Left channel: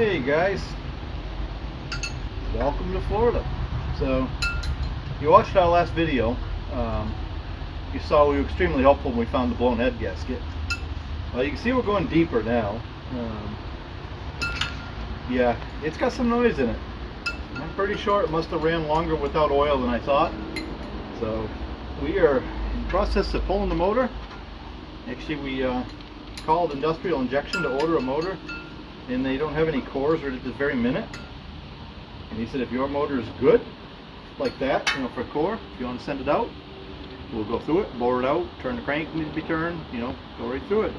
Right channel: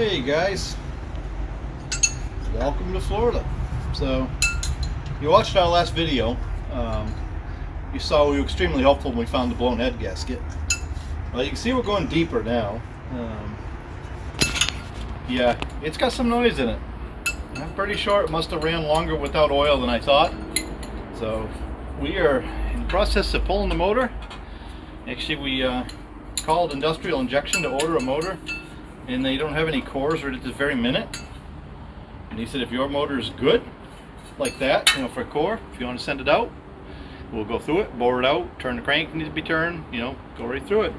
Hey guys, welcome to Florida. So, you watched our last video. Um, you saw we were extremely helpful when we found the blown head gasket. Well, you can see we're going deeper now. Yeah, it's got some noise in it. I'm pretty sure it must have ran longer without oil than I thought. So, we are in the process of pulling the motor. Actually, we called Industrial Injection to order a motor, and they don't have any cores right at this very minute. And he said, if your motor is good, like that, for a core, if you want to send it out, we'll go through it, bore it out, turn the crank needs to be turned, go right through it.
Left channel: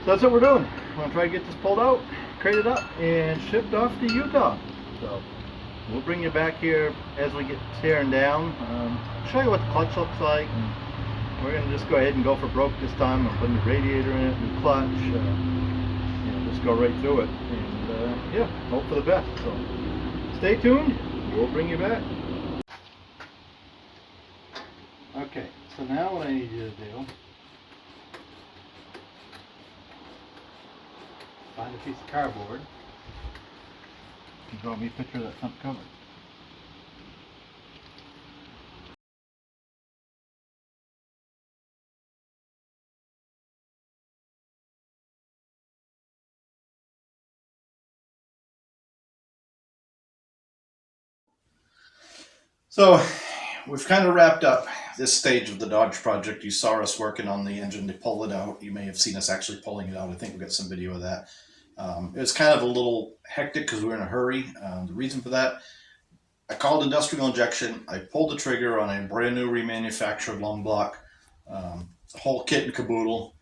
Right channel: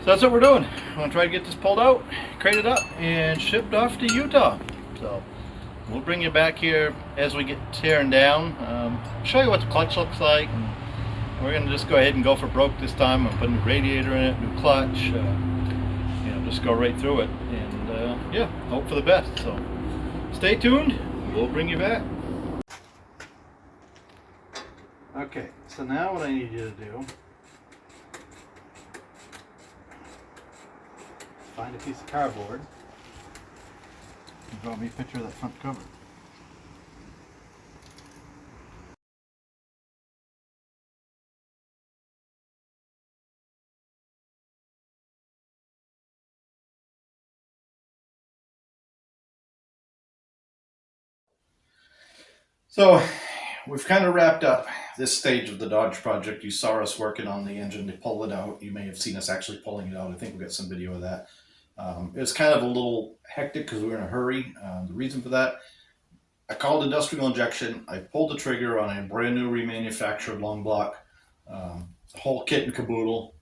So that's what we're doing. We're going to try to get this pulled out, crated up, and shipped off to Utah. So we'll bring you back here as we get tearing down, show you what the clutch looks like. And we're going to just go ahead and go for broke this time. I'm putting a new radiator in it, new clutch, just go right through it. And yeah, hope for the best. So stay tuned, we'll bring you back. Okay, so now what I need you to do, find a piece of cardboard and draw me a picture of that front cover. So we've kind of wrapped up this stage of the Dodge project. You saw us working on the engine to pull it out. You may have seen us actually pulling it out. I think we got some video of that. It was kind of a little hectic because we were in a hurry. The reason for that, I called Industrial Injection. I pulled the trigger on a brand new remanufactured long block, the whole kit and caboodle.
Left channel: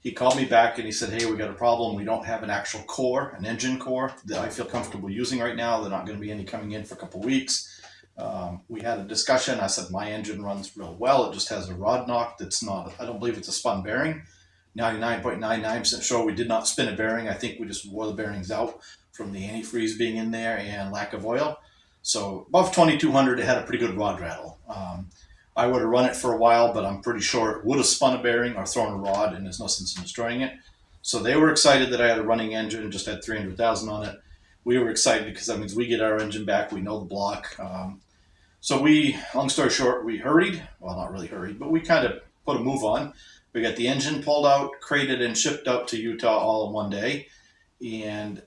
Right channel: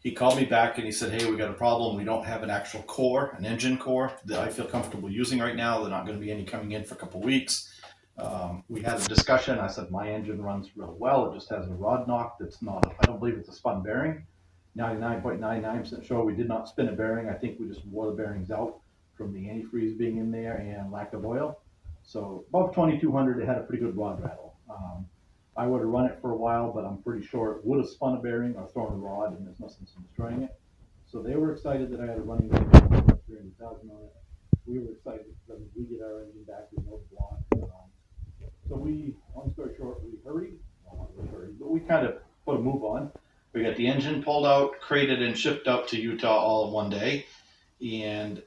He called me back and he said, hey, we got a problem. We don't have an actual core, an engine core that I feel comfortable using right now. They're not going to be any coming in for a couple of weeks. We had a discussion. I said, my engine runs real well. It just has a rod knock that's not, I don't believe it's a spun bearing. 99.99% sure we did not spin a bearing. I think we just wore the bearings out from the antifreeze being in there and lack of oil. So above 2200, it had a pretty good rod rattle. I would have run it for a while, but I'm pretty sure it would have spun a bearing or thrown a rod, and there's no sense in destroying it. So they were excited that I had a running engine, just had 300,000 on it. We were excited because that means we get our engine back. We know the block. So we, long story short, we hurried. Well, not really hurried, but we kind of put a move on. We got the engine pulled out, crated, and shipped up to Utah all in one day. And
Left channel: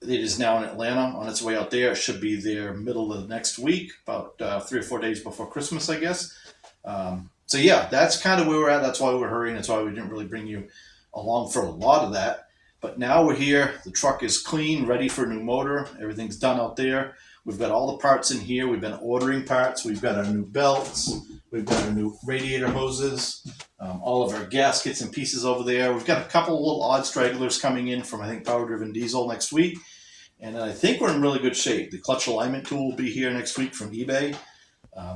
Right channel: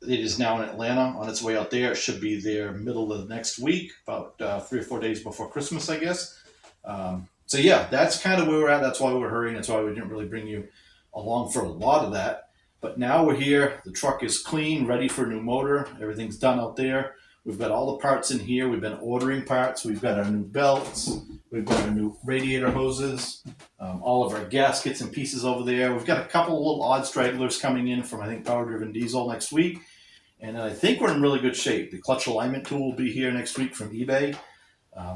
it is now in Atlanta on its way out there. It should be there middle of next week, about 3 or 4 days before Christmas, I guess. So yeah, that's kind of where we're at. That's why we're hurrying. That's why we didn't really bring you along for a lot of that. But now we're here. The truck is clean, ready for a new motor. Everything's done out there. We've got all the parts in here. We've been ordering parts. We've got our new belts. We've got our new radiator hoses. All of our gaskets and pieces over there. We've got a couple of little odd stragglers coming in from, I think, Power Driven Diesel next week. And I think we're in really good shape. The clutch alignment tool will be here next week from eBay.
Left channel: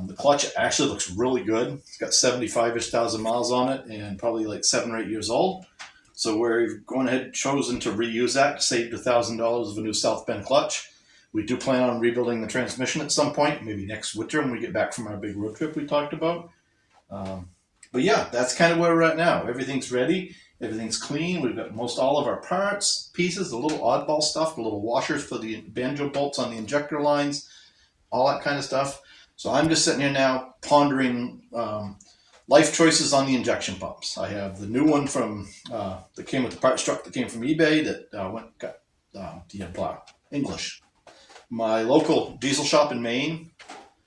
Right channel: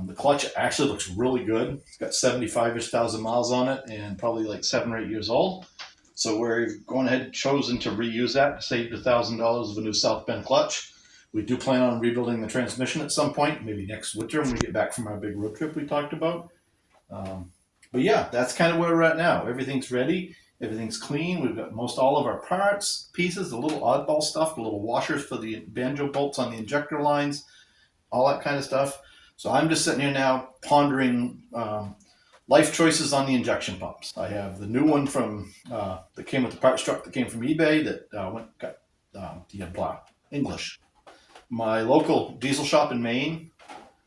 The clutch actually looks really good. It's got 75-ish thousand miles on it and probably like 7 or 8 years old. So we're going ahead and chosen to reuse that to save $1,000 of a new South Bend clutch. We do plan on rebuilding the transmission at some point, maybe next winter when we get back from our big road trip we talked about. But yeah, that's kind of where we're at now. Everything's ready. Everything's clean. We've got most all of our parts, pieces, the little oddball stuff, the little washers for the banjo bolts on the injector lines, all that kind of stuff. So I'm just sitting here now pondering life choices on the injection pumps. I have the new one from that came with the parts truck that came from eBay that got English. My local diesel shop in Maine,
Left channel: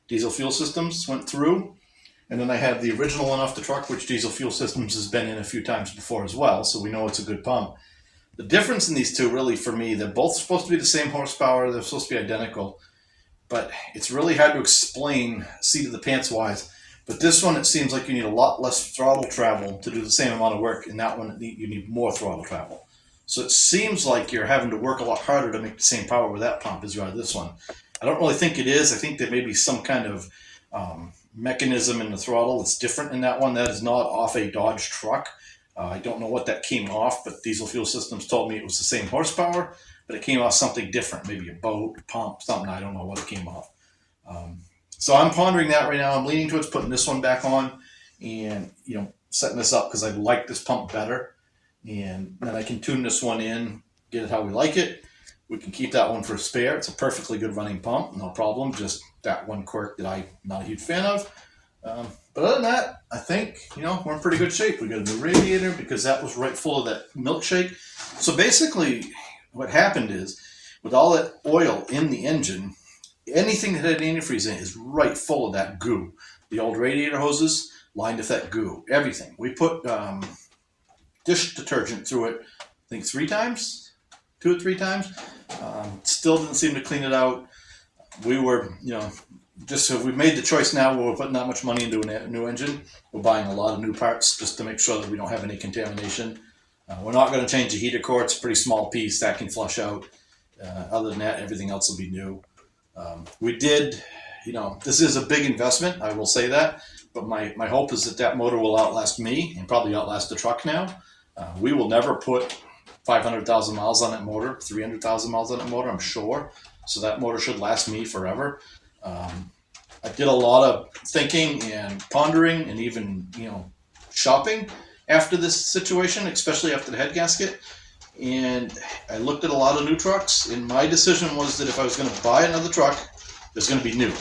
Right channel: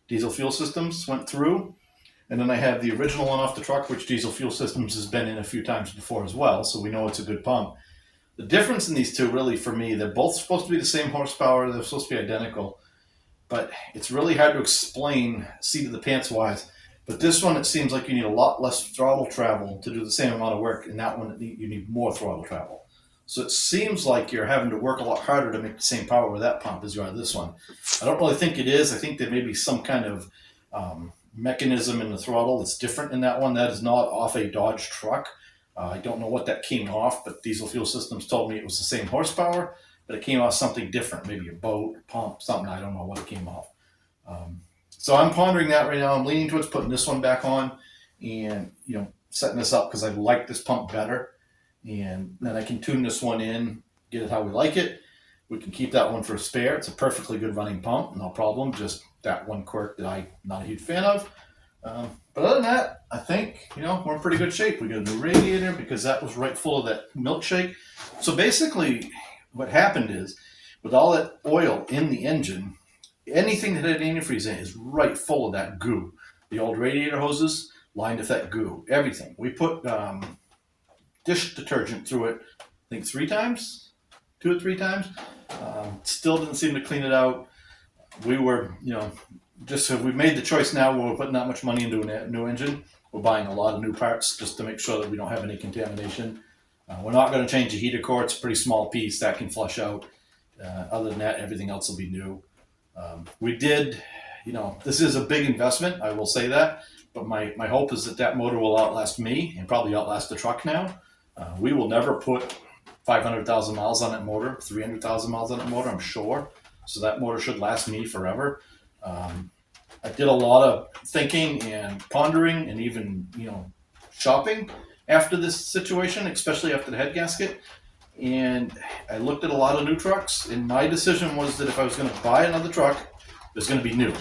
Diesel Fuel Systems, went through. And then I have the original one off the truck, which Diesel Fuel Systems has been in a few times before as well, so we know it's a good pump. The difference in these two, really, for me, they're both supposed to be the same horsepower, they're supposed to be identical, but it's really hard to explain seat of the pants wise. But this one, it seems like you need a lot less throttle travel to do the same amount of work, and that one, you need more throttle travel. So it seems like you're having to work a lot harder to make the same power with that pump as you are this one. I don't really think it is. I think there may be some kind of mechanism in the throttle that's different in that one. That is not off a Dodge truck. I don't know what that came off, but Diesel Fuel Systems told me it was the same horsepower, but it came off something different, maybe a boat, pump, something. I don't know what it came off. So I'm pondering that right now. I'm leaning towards putting this one back on and, setting this up because I like this pump better. And then I can tune this one in, get it how we like it. We can keep that one for a spare. It's a perfectly good running pump, no problem. Just that one quirk that I'm not a huge fan of. But other than that, I think, we're in pretty good shape. We got a new radiator because that was right full of that milkshake. So basically, what happened is, with all that oil in the engine, anything that had antifreeze in it is right full of that goo. The old radiator hoses lined with that goo. Everything. We put dish detergent through it, I think 3 times, 2 or 3 times. Still didn't seem to clean it out. We were, just if we made the choice now, we're putting that much money into a new engine. We're buying a lot of new parts just to make sure that we don't have any contamination. We're not going to change the heater core. It's a pretty small piece that can flush out. Other than that, everything else will be new. We did, this is a big investment, I will say that, but my hope is that motor will outlast me and probably outlast the truck now. We will never put 500,000 miles on that motor, 300,000 miles on that motor, I'm sure. So that motor should last me forever. I did a lot of thinking and pondering and even, shopping after this situation, especially after the head gasket. And I looked at a lot of new trucks, and my decision was that if I was going to buy another truck, it was going to be new.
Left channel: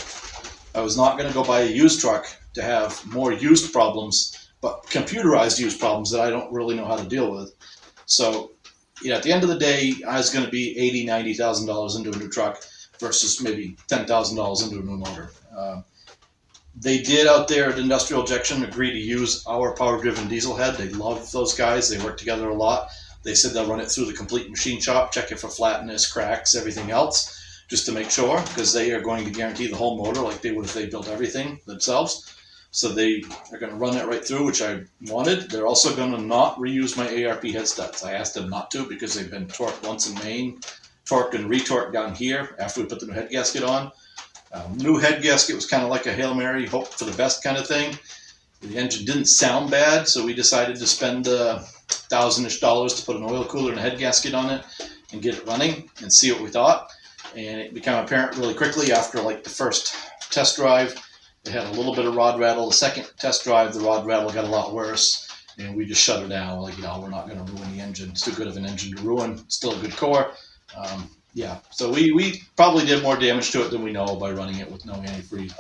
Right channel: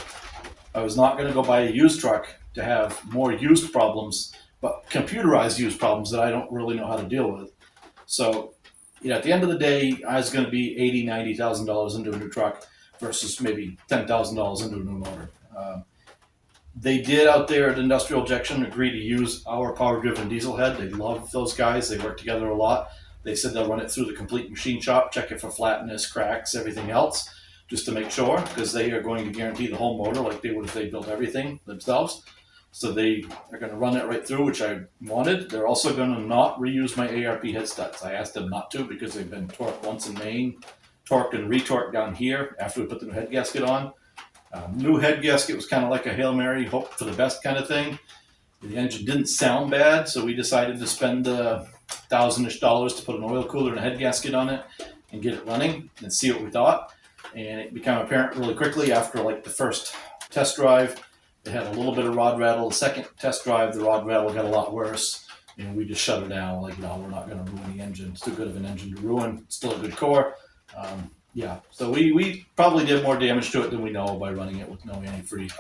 I was not going to go buy a used truck to have more used problems, but computerized used problems that I don't really know how to deal with. So, at the end of the day, I was going to be $80,000, $90,000 into a new truck versus maybe $10,000 into a new motor. They did out there at Industrial Injection agree to use our power-driven diesel head. They love those guys. They work together a lot. They said they'll run it through the complete machine shop, check it for flatness, cracks, everything else, just to make sure, because they are going to guarantee the whole motor like they would if they built everything themselves. So they are going to run it right through, which I wanted. They're also going to not reuse my ARP head studs. I asked them not to because they've been torqued once in Maine, torqued and retorqued down here after we put the new head gasket on. New head gasket was kind of like a Hail Mary, hope for the best kind of thing. The engine didn't sound bad, so we decided to spend $1,000-ish to put an oil cooler and a head gasket on it and get it running and see what we thought. And it became apparent really quickly after the first test drive. It had a little bit of rod rattle. The second test drive, the rod rattle got a lot worse, and we just shut it down. We're not going to ruin the engine. It's too good of an engine to ruin. It's still a good core. So we probably did more damage to it than we know by running it with no antifreeze.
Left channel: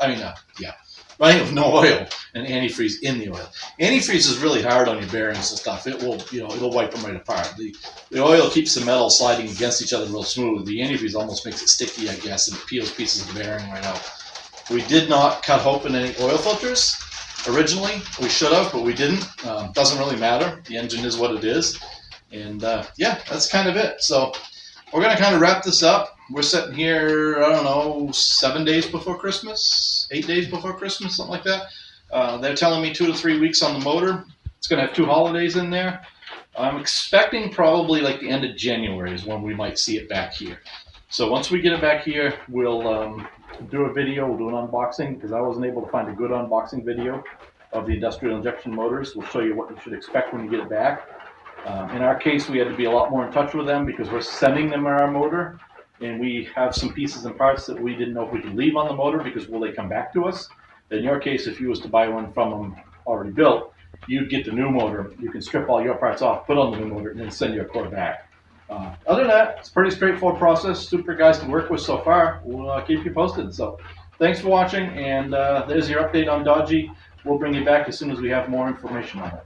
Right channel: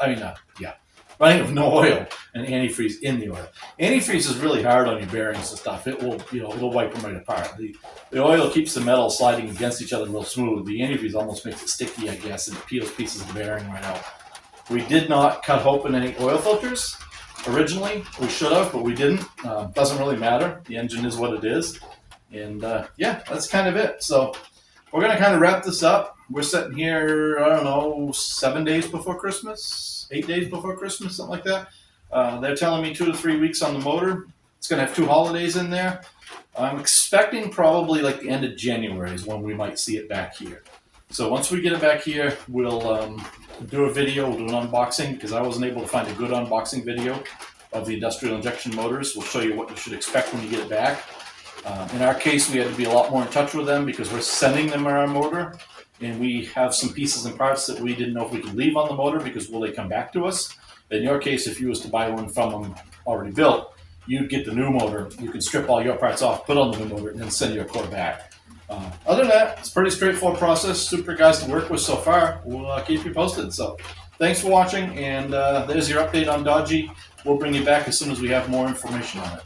Running it with no oil and antifreeze in the oil. Antifreeze is really hard on your bearings and stuff. It will, it'll wipe them right apart. The oil keeps the metal sliding against each other real smooth. The antifreeze almost makes it sticky, I guess, and it peels pieces of the bearing right out. We did not cut open any oil filters originally. We should have, but we didn't. Doesn't really matter. The engine is what it is. And that's kind of it. So we're going to kind of wrap this up. We're sitting here, 7 days before Christmas, 8 days before Christmas, something like that. They're telling me 2 to 3 weeks on the motor. It's going to have 2 holidays in there. I'm expecting probably the end of January is when we might see it back here. So once we get it back here, we'll do a video. We'll do an unboxing because I wasn't able to find a good unboxing video of the industrial injection motors. We'll show you what you should expect when you get it back. In our case, we had to be a lot more in touch with them because we're sending them our motor, and we have some pieces and parts that we didn't know if we could leave on the motor because will they come back to us? In your case, if you was to buy one from them already built, you'd get the new motor. You can strip all your parts off, put on the new motor, and then send your core back. Other than that, it's a pretty straightforward process. Super guys to work with so far. We'll keep you posted. So thanks for watching, and there's your update on Dodgy. We'll bring you back as soon as we have more information on it.